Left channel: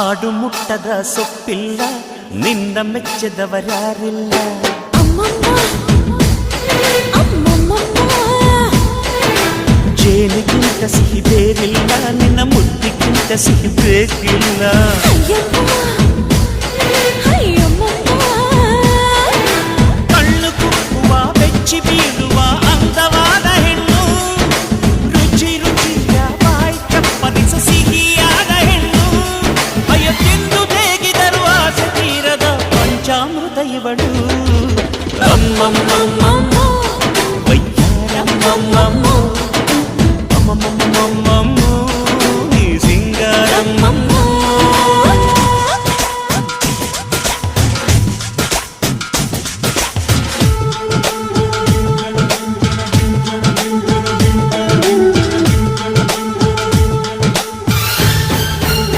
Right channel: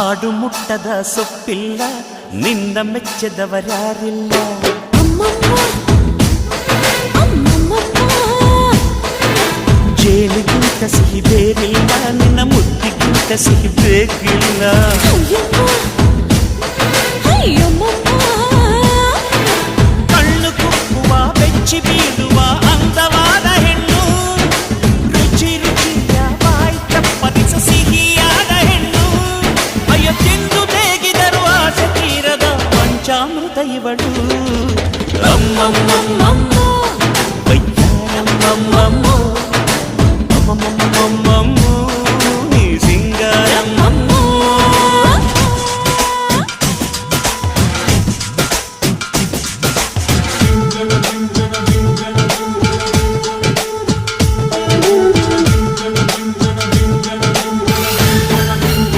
ಹಾಡು ಮುಟ್ಟದ ಸೊಪ್ಪಿಲ್ಲ, ನಿನ್ನ ಮೆಚ್ಚದವರ್ಯಾರಿಲ್ಲ. ಜೇನಿಗಿಂತ ಸಿಹಿ ಬೇರಿಲ್ಲ, ನಿನ್ನ ಮುದ್ದಿಗಿಂತ ಸಿಹಿ ಬೇಕಿಲ್ಲ. ಕಣ್ಣು ಕುಕ್ಕುವ ಬೆಚ್ಚಿ ಬೀಳುವ ಅಂದವಾದ ಹೆಣ್ಣು, ರುಚಿ ರುಚಿಯ ಬಾಯಿ ಚಪ್ಪರಿಸ ಸಿಹಿಯಾದ ಹೆಣ್ಣು. ಅಯ್ಯೋ ತಿಂದು ಬೇಗಿದರು ಆಸೆ ತೀರದ ಪಂಚಾಮೃತ ಇವಳು. ಅಮ್ಮಮ್ಮಮ್ಮಮ್ಮೋ ವಯ್ಯಾರಮ್ಮಮ್ಮಮ್ಮೋ ಅಮ್ಮಮ್ಮಮ್ಮಮ್ಮೋ ನೀ ಸಿಂಗಾರಮ್ಮಮ್ಮೋ.